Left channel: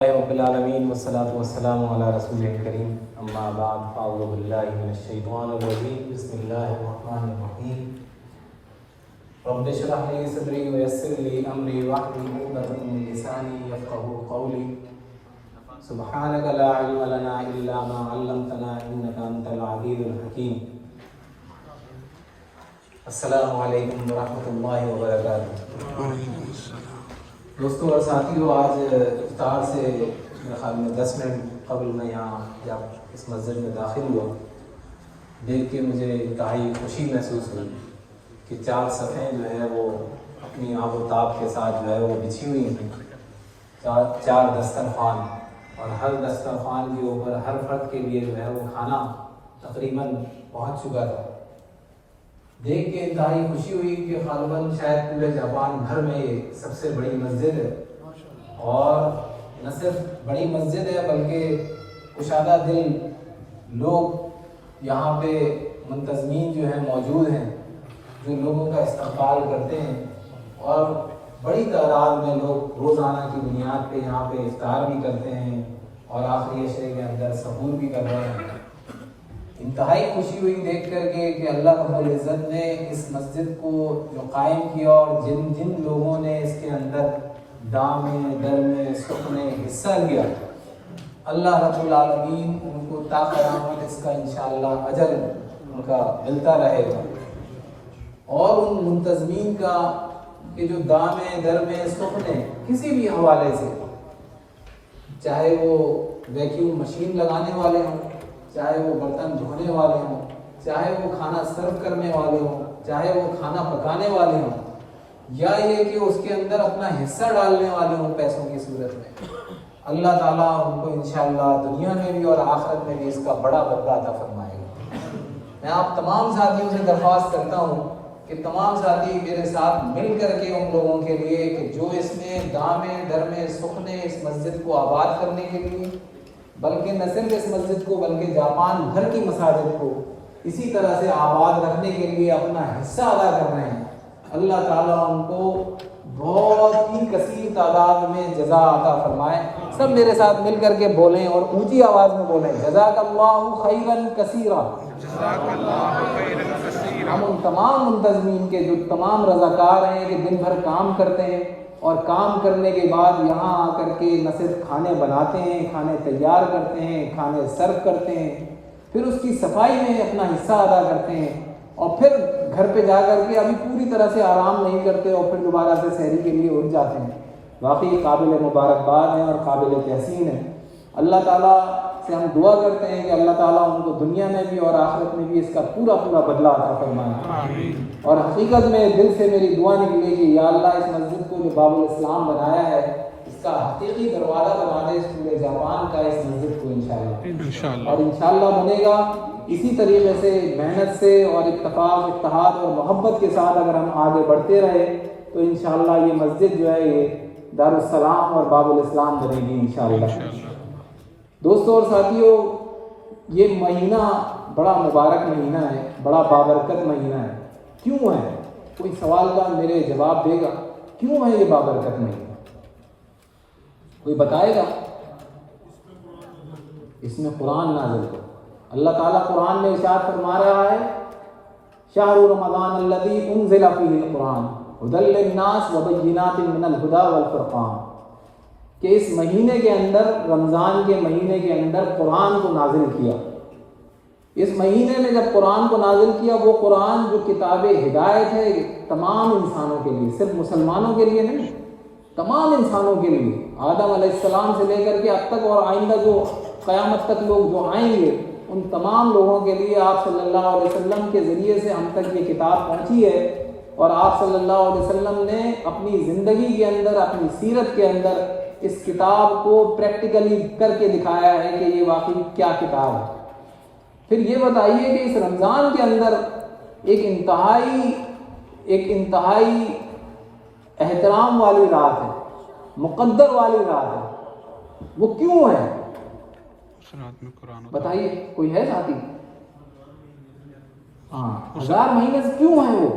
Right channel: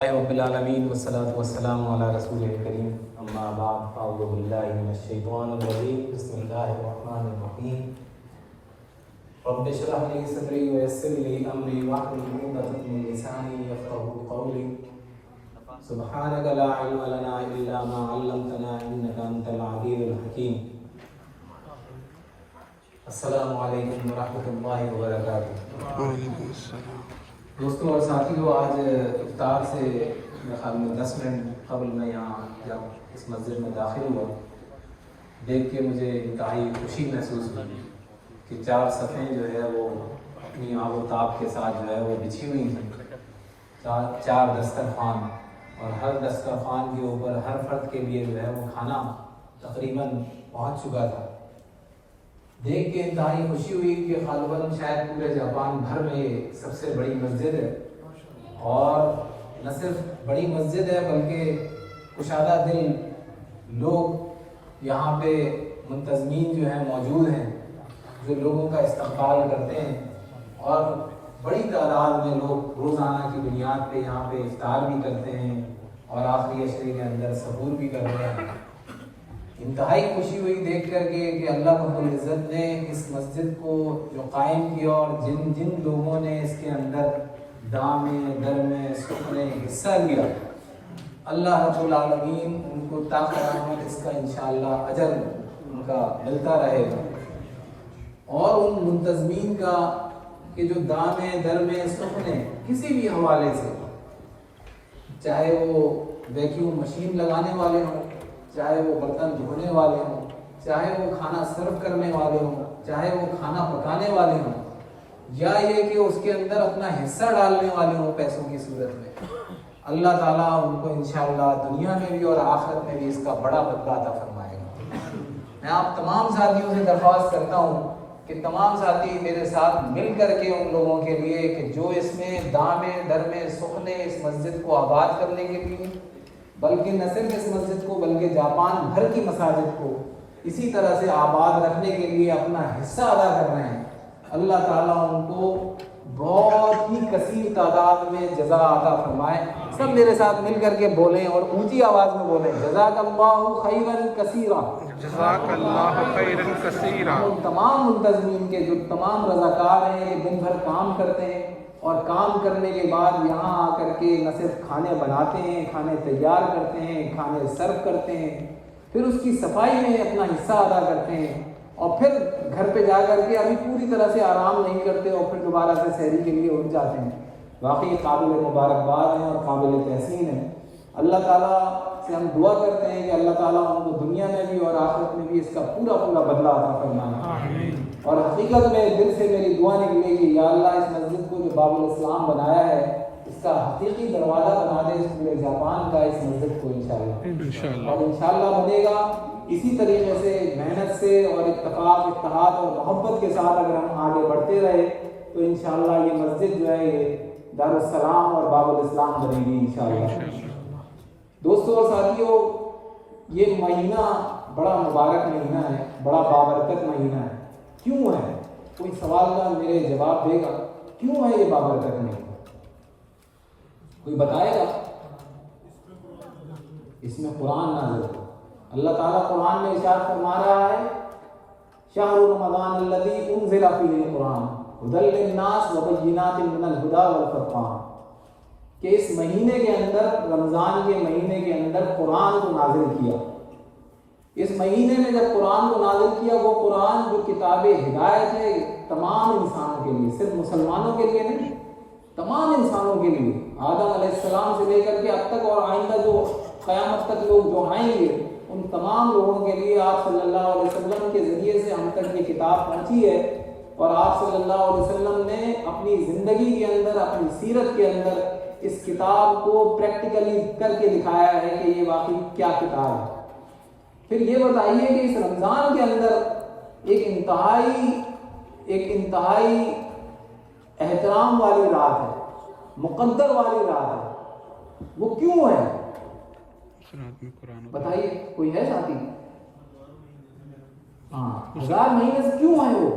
رب العالمین والصلاة والسلام علی رسول کریم اما بعد اعوذ باللہ من الشیطان الرجیم بسم اللہ الرحمن الرحیم رب اشرح لي صدری ویسر لي امری واحلل عقدۃ من لسانی یفقهوا قولی سبحانک لا علم لنا الا ما علمتنا انک انت العلیم الحکیم. السلام علیکم ورحمۃ اللہ وبرکاتہ. وعلیکم السلام. دوستوں اور ساتھیوں، آج افطار سے میرے خیال میں 10 منٹ قبل میں یہاں جب اس مسجد میں داخل ہوا، دیکھ کے مجھے انتہائی خوشی محسوس ہوئی کہ 4 صفیں جو ہے وہ اپنی آب و تاب کے ساتھ جو ہے وہ بچھی ہوئی ہیں. 4 دسترخوان، اور ہر دسترخوان کے اوپر ہر فرد کے لیے جو ہے وہ کھانا تقریباً پہنچ چکا تھا. دیکھ کے انتہائی خوشی ہوئی کہ غالباً شاید پورے جاپان بھر میں سب سے بڑی مسجد ہے، اور نہ صرف بڑی مسجد ہے بلکہ کشادہ دل لوگ یہاں پہ منتظمین جو ہیں موجود ہیں، جو لوگوں کا استقبال کرتے ہیں، اور بڑی تعداد میں لوگ روزانہ کی بنیاد پہ یہاں پہ افطار بھی کرتے ہیں اور آخری عشرے کے اندر سحور بھی کر رہے ہیں. انتہائی خوشی ہوئی دیکھ کر کے کہ اللہ رب العزت نے اس مسجد کو جو قائم کیا اور جن جن لوگوں نے اس کے اندر دام میں در میں سکھ میں حصہ لیا، اللہ رب العالمین ان کو تا قیامت اس کا انشاءاللہ اجر ان کا ملتا رہے گا. اور ان منتظمین کا کہ جو دام در میں سکھ نے کسی بھی حوالے سے، چاہے وہ ویکیوم مشین لگانے والے ہوں، چاہے وہ برتن دھونے والے ہوں، چاہے وہ کھانا سرو کرنے والے ہوں، چاہے وہ کھانا پکانے والے ہوں، یا یہ کہ اس کے اندر اپنا حصہ ڈالنے والے ہوں پیسوں کی صورت میں، اللہ تعالیٰ ان کو انشاءاللہ دنیا میں بھی اور آخرت میں بھی اس کا بڑا بدلہ عطا فرمائے گا. میں آپ تمام ساتھیوں سے درخواست کرتا ہوں کہ تمام ساتھی میرے ساتھ مل کر کے ان لوگوں کے لیے کہ جو اس میں دام در میں سکھ نے اس مسجد کو آباد کرنے کے لیے، بلکہ نہ صرف اس مسجد کو بلکہ جاپان بھر کی مساجد کو اسی طرح سے آباد رکھنے کے لیے اپنا حصہ ادا کر رہے ہیں، اللہ تعالیٰ ان کو بہت ہی کثیر تعداد میں جزا عطا فرمائے. سب میرے ساتھ مل کر کے بولیں اور اونچی آواز میں بولیں، جزاک اللہ خیرا کثیرا. جزاک اللہ خیرا کثیرا. ان تمام منتظمین کے جو تمام رضاکار ہیں کہ دن بھر کام کرتے ہیں اور کام کرنے کے بعد یہاں آ کر کے نہ صرف کھانے بناتے ہیں، کھانے تیار کرتے ہیں، کھانے سرو کرتے ہیں، پھر اس کی صفائی میں اپنا حصہ ادا کرتے ہیں، اور پھر گھر پہ جا کر کے ابھی پوری طرح سے آرام نہیں کرتے اور پھر دوبارہ سے سحری کے لیے اٹھ جاتے ہیں. واقعی قابل مبارکباد ہیں اور قابل تحسین ہیں. اللہ تعالیٰ سے ہم دعا کرتے ہیں کہ اللہ تعالیٰ ان کو دنیا میں بھی اور آخرت میں بھی اس کا پورا بدلہ عطا فرمائے. اور حقیقت میں دل سے میری دعا نکلے کہ یا اللہ اس مسجد کو جو باب الاسلام بنایا ہے اس کا حقیقی دروازہ بنا دے اس پورے جاپان کا اس مسجد کو انشاءاللہ. اور انشاءاللہ بنے گا. اسی طریقے سے محنت سے اور اتفاق اتحاد اور محبت کے ساتھ اگر ہم آگے بڑھتے رہے تو انشاءاللہ یہ مسجد جو ہے یہ دارالسلام اور باب الاسلام بنے گی انشاءاللہ. دوستوں اور ساتھیوں، یہ مہینہ بڑا مبارک مہینہ ہے، بڑا بابرکت مہینہ ہے. کیوں ہے؟ کوئی سوال کا میرے جواب دے گا کیوں ہے یہ بابرکت مہینہ؟ کوئی بتائے گا؟ اس میں قرآن نازل ہے. اللہ تعالیٰ قرآن میں ارشاد فرما رہا ہے شہر رمضان الذی انزل فیہ القرآن ھدی للناس وبینات من الھدی والفرقان، کہ اس مہینے کے اندر، رمضان کے مہینے کے اندر قرآن کو نازل کیا. اس مہینے میں جب قرآن کو نازل کیا، وہ قرآن جو کتاب ہدایت ہے تمام انسانوں کے لیے، صرف مسلمانوں کے لیے نہیں، تمام انسانوں کے لیے، آدم علیہ السلام سے لے کر کے اب تک اور آئندہ جو قیامت تک لوگ جو آئیں گے ان تمام لوگوں کے لیے آپ صلی اللہ علیہ وسلم کے ذریعے سے ہم تک یہ کتاب پہنچی ہے. اور آپ صلی اللہ علیہ وسلم نے اپنی زندگی کے اندر، اپنی سیرت کے اندر اس کتاب کو پریکٹیکلی کر کے دکھایا ہے کہ یہ واقعی کیا کتاب ہے. پھر یہ بتائیے کہ اس رمضان کے اندر ایک انتہائی احترام والی رات ہے، مقدر والی رات ہے، وہ کیوں ہے؟ اس رات میں قرآن بتائیے، کوئی ہے ساتھی؟ ہاں، 1000 مہینے سے کیوں ہے وہ؟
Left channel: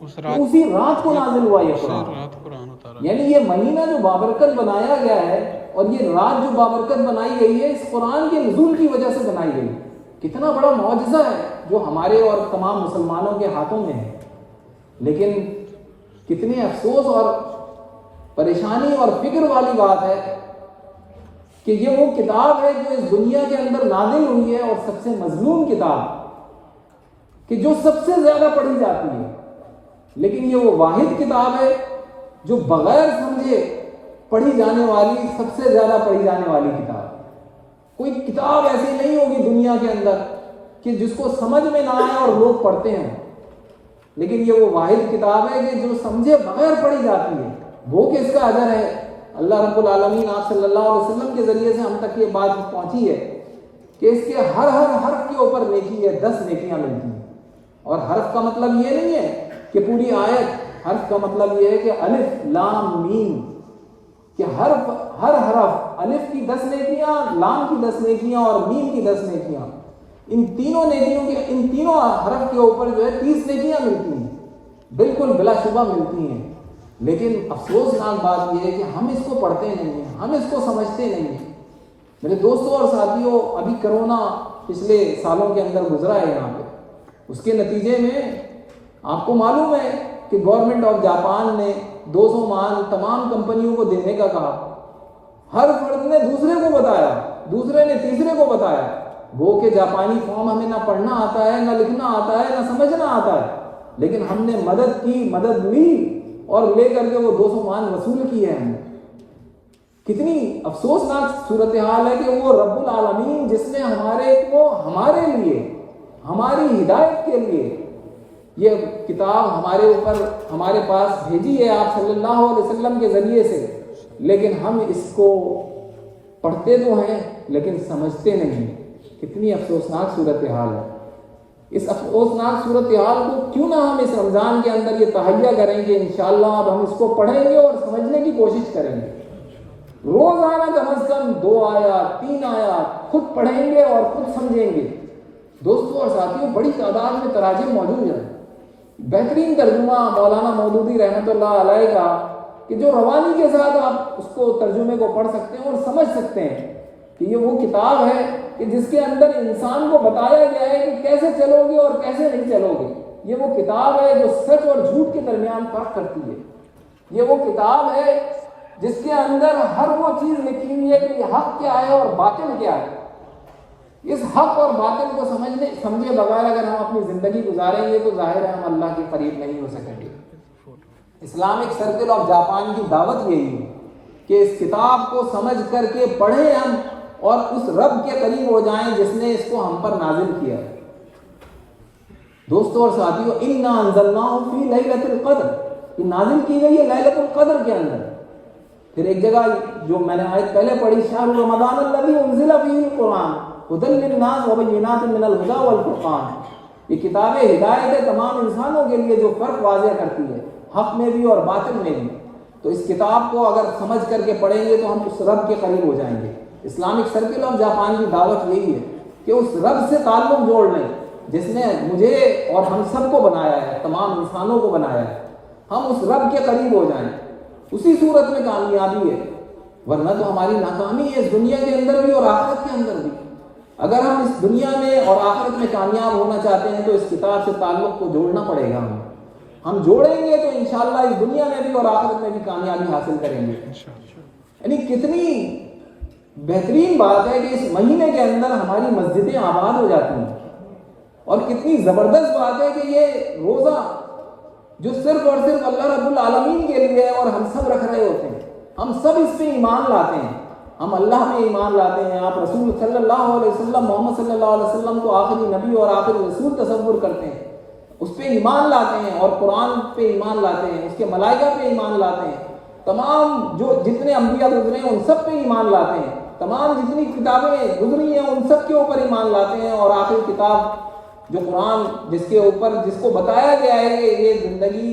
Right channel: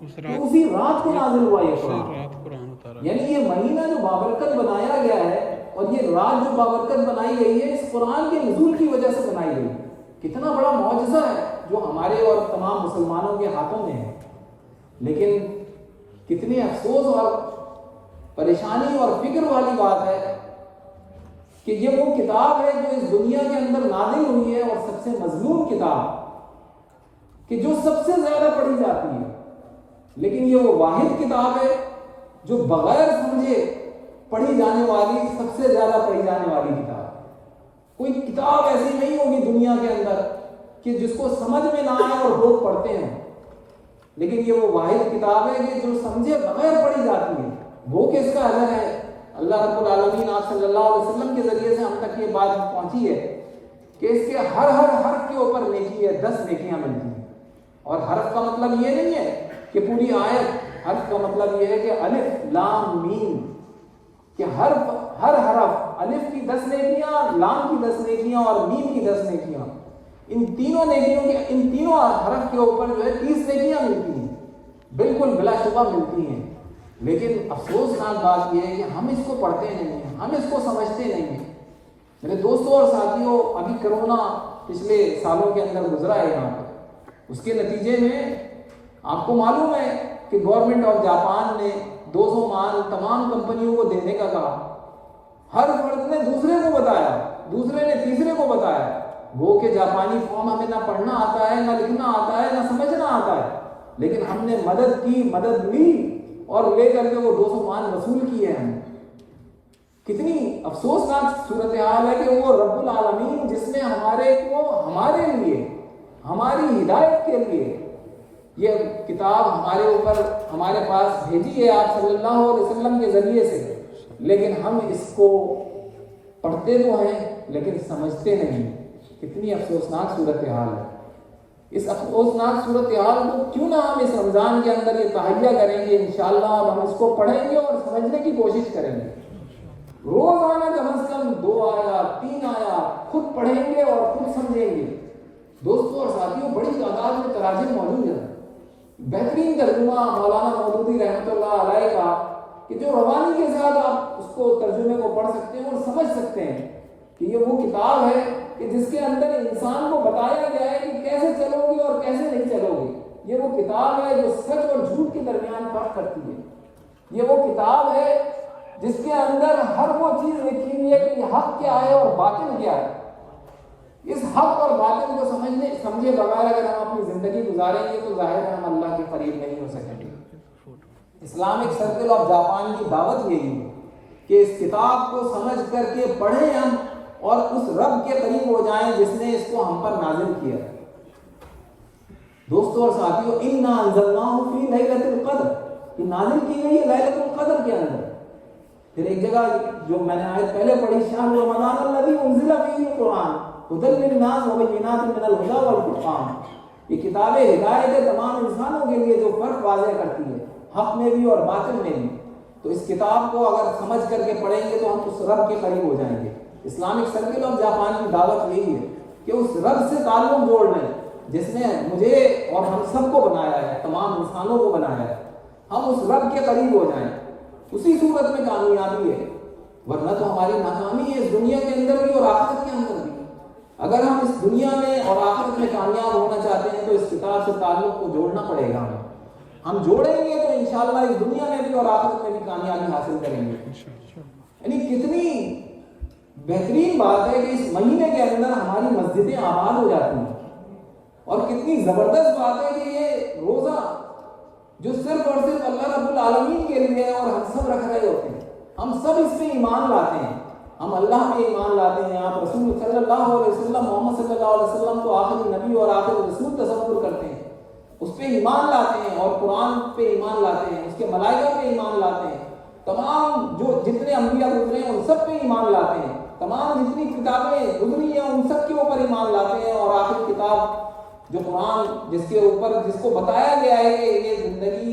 اسی رات کو نازل ہوا یہ قرآن. رات قرآن اتارا. یعنی یہ مہینہ جو بابرکت بنایا گیا ہے اور یہ رات جو بابرکت بنائی گئی ہے اس قرآن کے نزول کی وجہ سے بنائی گئی. کتنا بڑا معجزہ ہے جو ہمارے اور تمام مسلمانوں کے ہاتھوں میں ہے. لیکن کتنے افسوس اور پریشانی اور فکر والی بات ہے کہ یہ وہ کتاب ہے جو اس دنیا کے اندر نازل ہوئی ہے اور سب سے مظلوم کتاب کہ جو سب سے زیادہ پڑھی جاتی ہے. لیکن یہ وہ واحد کتاب ہے جو بغیر سمجھے پڑھی جانے والی سب سے زیادہ پڑھی جانے والی کتاب. کوئی کتاب ایسی نہیں ہوگی دنیا کے اندر کہ جس کو سمجھ میں نہ آئے اور لوگ پڑھتے ہیں. لیکن یہ وہ واحد کتاب ہے کہ جو سمجھے بغیر پڑھی جاتی ہے. وہ کس کا اجر ہے؟ اللہ رب العالمین آپ صلی اللہ علیہ وسلم کے ذریعے سے ہم تک یہ بات پہنچی ہے کہ اس کے ہر حرف کے اوپر نیکی ہے، 10 نیکیاں ملتی ہیں. اور حرف کا مطلب یہ نہیں ہے کہ پوری آیت. حرف کا مطلب یہ ہے کہ الف لام میم، کہ ہر حرف، الف کی 10 نیکیاں، لام کی 10 نیکیاں اور میم کی 10 نیکیاں. ان تینوں نیکیوں کے، ان تینوں حرف کے اوپر جو ہے 30 نیکیاں ملتی ہیں، بالکل بلا شبہ ملتی ہیں. لیکن افسوسناک بات یہ ہے کہ ہم اس کو پڑھتے نہیں ہیں، ہم اس کو سمجھتے نہیں ہیں. میرے دوستوں اور ساتھیوں، ابھی کرونا پچھلے سالوں کے اندر گزرا ہے یہاں پہ. اس کے نتیجے میں آپ کو معلوم ہے کہ گورنمنٹ آف جاپان نے 200 مال تمام کمپنیوں کو دینے کا کہا. ہر فرد نے دوسرے کو بتایا، دوسرے نے تیسرے کو بتایا. وہ کہ جاپانی فارم ہمیں نہ پڑھنا آتا ہے، نہ لکھنا آتا ہے، نہ سمجھنا آتا ہے. لیکن ہم نے مدد کی، مدد لی اور لے کر کے وہ 200 مان وصول کی ہے. ہم کتنی افسوسناک صورتحال ہے کہ وہ رب العالمین جس نے ہمارے لیے، ہماری ہدایت کے لیے یہ کتاب ہمارے پاس بھیجی ہے آپ صلی اللہ علیہ وسلم کے ذریعے سے. لیکن ہم اس کو پڑھتے تو ہیں لیکن سمجھتے نہیں. کتنی افسوسناک صورتحال ہے. اس افسوسناک صورتحال کو کیوں نہ ہم اس رمضان کے اندر یہ تہیہ کریں گے. انشاءاللہ اب ہم اس کو پڑھیں گے اور سمجھنے کی کوشش کریں گے. روزانہ کم از کم 2 آیات 3 آیات خود پڑھیں گے اور خود سمجھیں گے. دوستوں اور ساتھیوں، بڑی تعداد میں تراجم موجود ہیں. بہترین ترجمہ مولانا مودودی رحمۃ اللہ علیہ کا کہ جو روانی کے ساتھ آپ اس کو ترجمے کو پڑھ سکتے ہیں اور سمجھ سکتے ہیں کہ یہ وہ کتاب ہے کہ جس کے اندر انسان کو بتایا گیا ہے کہ کیسے چلو گے اور کیسے نہیں چلو گے. یہ وہ کتاب ہے جو سچ اور جھوٹ کے درمیان فرق کرتی ہے. یہ وہ کتاب ہے جس کے اندر ہر وہ چیز لکھی ہوئی ہے کہ یہ حق کیا ہے اور باطل کیا ہے. اس حق اور باطل کو سمجھے بغیر اگر ہم اپنی زندگی گزاریں گے تو ظاہر ہے ہم اللہ کے قریب نہیں ہو سکیں گے. اسلامک سرکل آف جاپان کی دعوت یہی ہے کہ اس کتاب کو سمجھ کر کے پڑھیں ہم اور اس رب کے قریب ہو جائیں جس نے اس کو ہم پر نازل کیا ہے. دوستوں اور ساتھیوں، اِنَّا أَنزَلْنَاهُ فِي لَيْلَةِ الْقَدْرِ، یہ نازل کی گئی ہے لیلۃ القدر کے اندر. پھر ایک جگہ جو میں نے آیت پہلے پڑھی، شہر رمضان الذی انزل فیہ القرآن ھدی للناس وبینات من الھدی والفرقان. یہ کتاب ہدایت ہے تمام انسانوں کے لیے جو فرق واضح کرتی ہے حق میں بھی اور باطل میں بھی. تو اس کتاب کو اگر سمجھ کر کے پڑھیں گے تو ہم اس رب کے قریب ہو جائیں گے. اسلامک سرکل آف جاپان کی دعوت یہی ہے کہ اس رب سے تعلق جوڑ لیں جس نے مجھے اور ہم سب کو بنایا ہے، تمام انسانوں کو بنایا ہے. ہم اس رب کے قریب ہو جائیں، اسی صورت میں کامیابی ہے. ورنہ تو ہماری ناکامی ہے اس دنیا کے اندر بھی اور آخرت کے اندر بھی. اگر ہم اس دنیا میں اور آخرت میں کامیاب ہونا چاہتے ہیں تو اس کتاب سے تعلق کو جوڑنا پڑے گا. ہم جوڑیں گے تو انشاءاللہ اس دنیا میں بھی اور آخرت میں بھی کامیابی حاصل کریں گے. یعنی کتنی بہترین بات ہے کہ اس مہینے کے اندر ہماری مسجدیں آباد ہو جاتی ہیں. اور کتنی زبردست بات ہے کہ یہ روزہ جو صرف اور صرف اللہ رب العالمین کے لیے ہے اور ہم سب رکھ رہے ہوتے ہیں. ہم سب اس پہ ایمان لاتے ہیں، ہم اللہ پہ ایمان لاتے ہیں. آپ رسول صلی اللہ علیہ وسلم، محمد صلی اللہ علیہ وسلم کو آخری نبی اور آخری رسول تصور کرتے ہیں، اس پہ ایمان لاتے ہیں اور قرآن پہ ایمان لاتے ہیں، اس کے ملائکہ پہ ایمان لاتے ہیں. تمام جو جتنے انبیاء گزرے ہیں ان سب پہ ایمان لاتے ہیں. تمام جتنی کتابیں گزری ہیں ان سب کے اوپر ایمان لاتے ہیں. اور آخری کتاب جو قرآن جس کو بتایا گیا ہے کہ یہ زندگی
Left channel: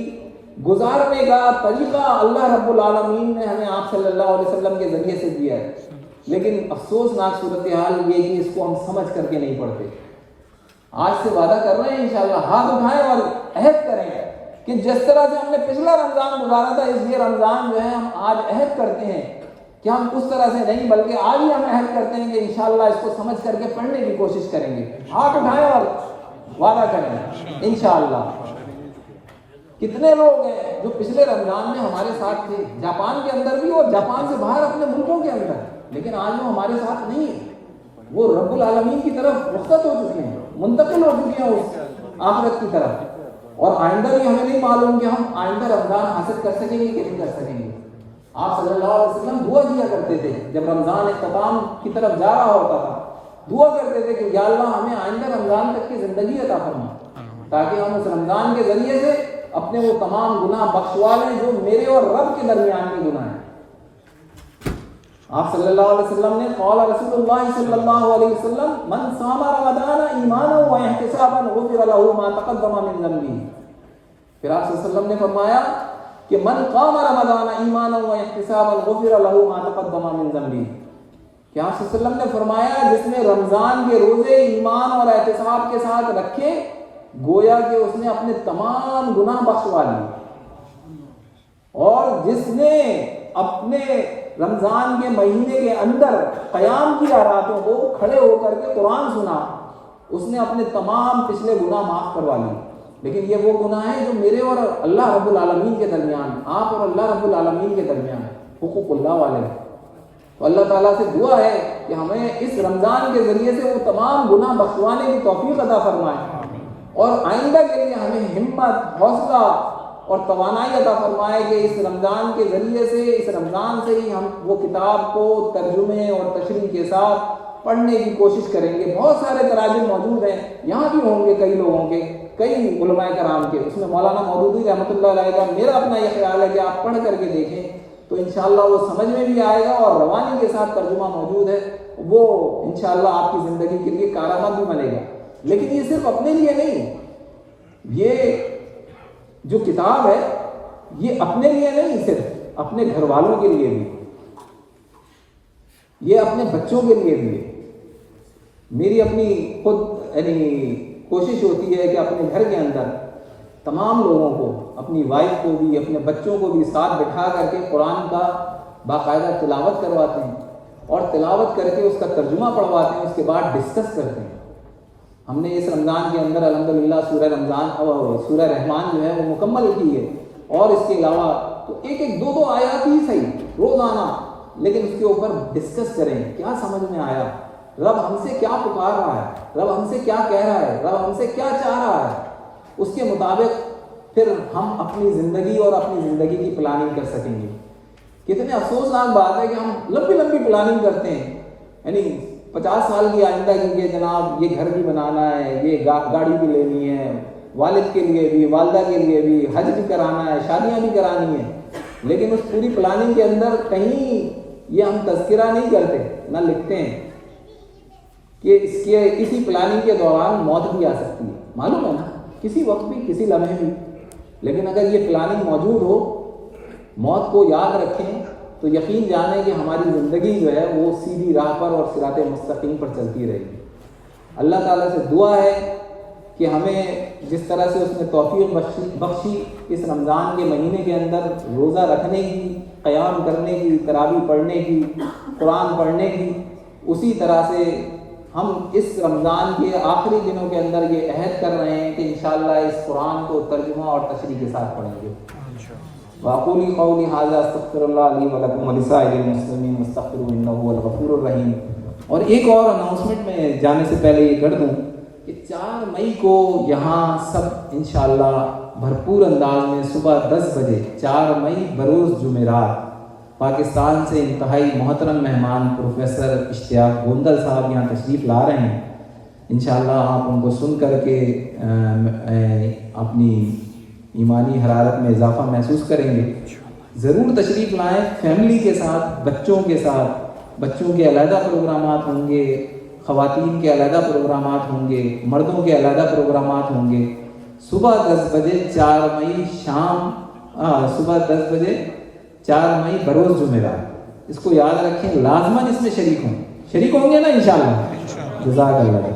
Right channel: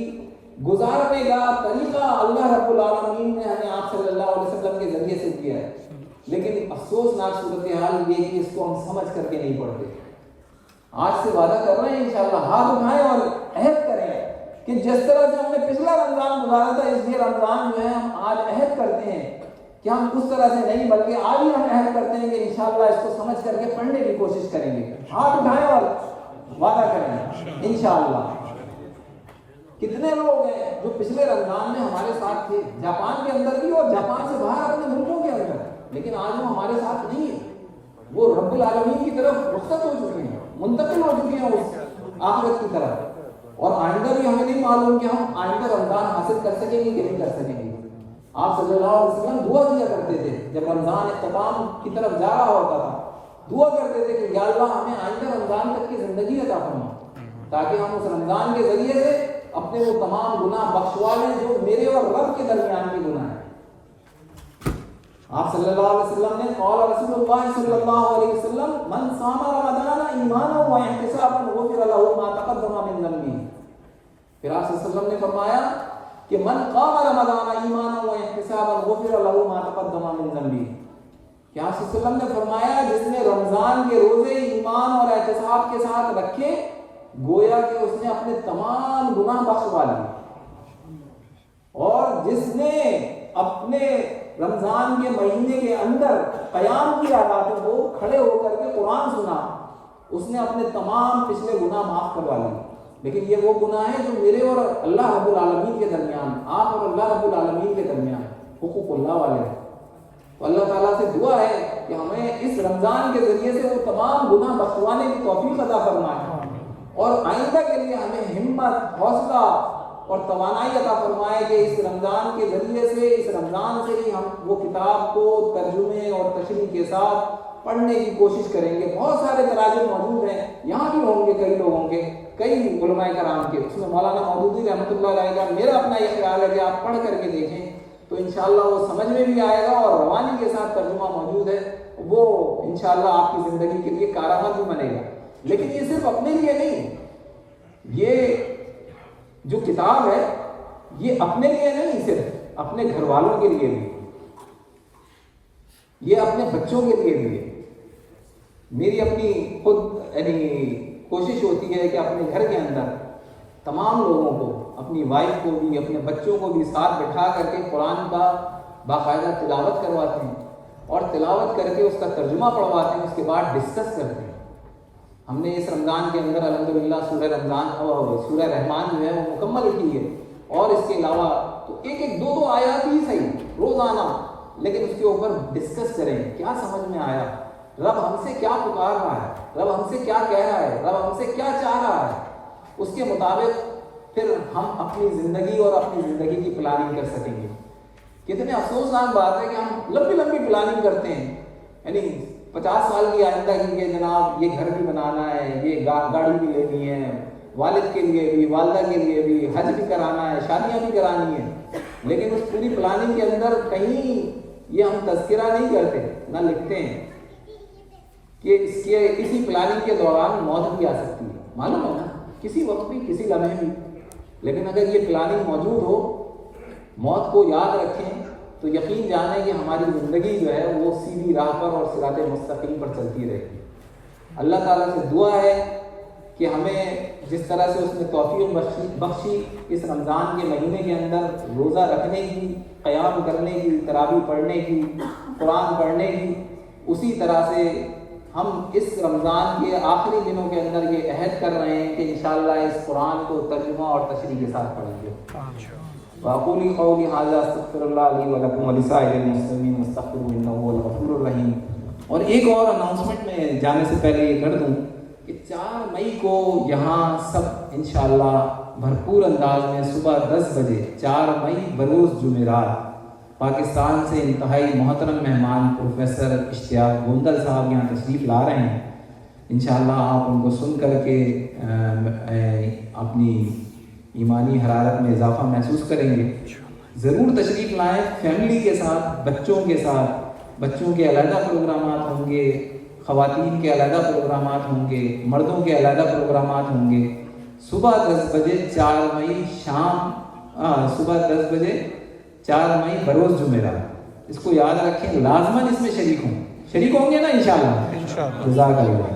گزارنے کا طریقہ اللہ رب العالمین نے ہمیں آپ صلی اللہ علیہ وسلم کے ذریعے سے دیا ہے. لیکن افسوسناک صورتحال یہ کہ اس کو ہم سمجھ کر کے نہیں پڑھتے. آج سے وعدہ کر رہے ہیں انشاءاللہ ہاتھ اٹھائیں اور عہد کریں کہ جس طرح سے ہم نے پچھلا رمضان گزارا تھا اس لیے رمضان جو ہے ہم آج عہد کرتے ہیں کہ ہم اس طرح سے نہیں، بلکہ آج ہی ہم عہد کرتے ہیں کہ انشاءاللہ اس کو سمجھ کر کے پڑھنے کی کوشش کریں گے. ہاتھ اٹھائیں اور وعدہ کریں انشاءاللہ. کتنے لوگ ہیں جو پچھلے رمضان میں ہمارے ساتھ تھے، جاپان کے اندر بھی اور جاپان سے باہر اپنے ملکوں کے اندر، لیکن آج وہ ہمارے ساتھ نہیں ہے. وہ رب العالمین کی طرف رخصت ہو چکے ہیں، منتقل ہو چکے ہیں اس آخرت کی طرف. اور آئندہ بھی ہمیں نہیں معلوم کہ ہم آئندہ رمضان حاصل کر سکیں گے کہ نہیں کر سکیں گے. آپ صلی اللہ علیہ وسلم دعا کیا کرتے تھے جب رمضان اختتام کی طرف جا رہا ہوتا تھا، دعا کرتے تھے کہ یا اللہ ہمیں آئندہ رمضان تک کی زندگی عطا فرما، تاکہ ہم اس رمضان کے ذریعے سے اپنے وہ تمام گناہ بخشوا لیں جو میرے اور رب کے درمیان کے گناہ ہیں. آپ صلی اللہ علیہ وسلم نے قال رسول اللہ صلی اللہ علیہ وسلم من صام رمضان ایمانا و احتسابا غفر له ما تقدم من ذنبه. پھر آپ صلی اللہ علیہ وسلم نے فرمایا کہ من قام رمضان ایمانا و احتسابا غفر له ما تقدم من ذنبه. کہ آپ صلی اللہ علیہ وسلم نے فرمایا جس نے رمضان کے روزے ایمان اور احتساب کے ساتھ رکھے، گویا کہ اس نے اپنے تمام گناہ بخشوا لیے. اور جس نے اپنے رمضان کے مہینے کے اندر قیام کیا راتوں کو کھڑے ہو کر کے قرآن سنا، اس نے اپنے تمام پچھلے گناہ معاف کروا لیے. لیکن یہ وہ گناہ ہے جو میرے اور اللہ رب العالمین کے درمیان، آپ اور اللہ رب العالمین کے درمیان حقوق اللہ والے ہیں. تو اللہ تعالیٰ سے دعا ہے کہ ہمیں اس رمضان کے ذریعے سے وہ تمام گناہ بخشوانے کی توفیق عطا فرمائے، اور آئندہ کے لیے ہمیں ہمت، حوصلہ اور توانائی عطا فرمائے کہ اس رمضان کے ذریعے سے، اس رمضان سے ہی ہم وہ کتاب کو ترجمے اور تشریح کے ساتھ پڑھنے کی کوشش کریں گے. بہت سارے تراجم موجود ہیں، یہاں بھی ہوں گے کئی لوگوں کے، کئی علماء کرام کے. اس میں مولانا مودودی رحمۃ اللہ علیہ کا میرا اپنا یہ خیال ہے کہ آپ پڑھ کر کے دیکھیں تو انشاءاللہ وہ سمجھ میں بھی آئے گا، اور روانی کے ساتھ ترجمہ موجود ہے، وہ انشاءاللہ آپ کی زندگی کے لیے کارآمد بھی بنے گا. لیکن یہ صرف اپنے لیے نہیں، یہ جو کتاب ہے یہ اپنے لیے نہیں، صرف اپنے گھر والوں کے لیے بھی، یہ اپنے بچوں کے لیے بھی. میری اپنی خود یعنی کوشش ہوتی ہے کہ اپنے گھر کے اندر تمام لوگوں کو، اپنی وائف کو بھی، اپنے بچوں کو بھی ساتھ بٹھا کر کے قرآن کا باقاعدہ تلاوت کرواتے ہیں، اور تلاوت کر کے اس کا ترجمہ پڑھواتے ہیں، اس کے بعد ڈسکس کرتے ہیں. ہم نے اس رمضان کے اندر الحمدللہ سورہ رحمان جو ہے وہ مکمل کی ہے، اور اس کے علاوہ تو ایک دو آیات ہی صحیح روزانہ، لیکن اس کے اوپر ڈسکس کریں کیا سمجھ میں آیا، رب ہم سے کیا پکار رہا ہے، رب ہم سے کیا کہہ رہا ہے، رب ہم سے کیا چاہ رہا ہے. اس کے مطابق پھر ہم اپنی زندگی اور اپنی زندگی کی پلاننگ کر سکیں گے. کتنے افسوسناک بات ہے کہ ہم لمبی پلاننگ کرتے ہیں، یعنی 50 سال کی آئندہ کے لیے جناب یہ گھر بھی بنانا ہے، یہ گاڑی بھی لینی ہے، والد کے لیے بھی، والدہ کے لیے بھی، حج بھی کرانا ہے، شادیاں بھی کرانی ہیں. لیکن اس پوری پلاننگ کے اندر کہیں یہ ہم تذکرہ نہیں کرتے، نہ لکھتے ہیں کہ کسی پلاننگ کے دوران موت بھی آ سکتی ہے. معلوم ہے نا، کسی وقت بھی، کسی لمحے بھی. لیکن اگر یہ پلاننگ موجود ہو، موت کو یاد رکھیں، تو یقین جانیں کہ ہماری زندگی جو ہے وہ سیدھی راہ پر اور صراط مستقیم پر چلتی رہے گی. اللہ تعالیٰ سے دعا ہے کہ ہمیں جس طرح سے اس نے توفیق بخشی اس رمضان کے مہینے کے اندر روزہ رکھنے کی، قیام کرنے کی، تراویح پڑھنے کی، قرآن پڑھنے کی، اسی طرح سے ہم اس رمضان کے آخری دنوں کے اندر یہ عہد کر رہے ہیں کہ انشاءاللہ اس قرآن کو ترجمہ اور تشریح کے ساتھ پڑھیں گے. وَأَقُولُ قَوْلِي هَٰذَا أَسْتَغْفِرُ اللَّهَ لِي وَلَكُمْ وَلِسَائِرِ الْمُسْلِمِينَ فَاسْتَغْفِرُوهُ إِنَّهُ هُوَ الْغَفُورُ الرَّحِيمُ. اور ایک اور اناؤنسمنٹ میں جانے سے پہلے یہ کر دوں کہ 4 مئی کو یہاں سب انشاءاللہ بھرپور انداز میں صبح 10 بجے 4 مئی بروز جمعرات پاکستان سے انتہائی محترم مہمان پروفیسر اشتیاق گوندل صاحب یہاں تشریف لا رہے ہیں. انشاءاللہ آپ ان کو سن کر کے اپنی ایمانی حرارت میں اضافہ محسوس کریں گے. ضرور تشریف لائیں فیملی کے ساتھ، بچوں کے ساتھ. بچوں کے علیحدہ پروگرامات ہوں گے، خواتین کے علیحدہ پروگرامات ہوں گے، مردوں کے علیحدہ پروگرامات ہوں گے. صبح 10 بجے 4 مئی صبح 10 بجے 4 مئی بروز جمعرات. اس کو یاد رکھیں، لازماً اس میں شریک ہوں گے نا انشاءاللہ. جزاک اللہ.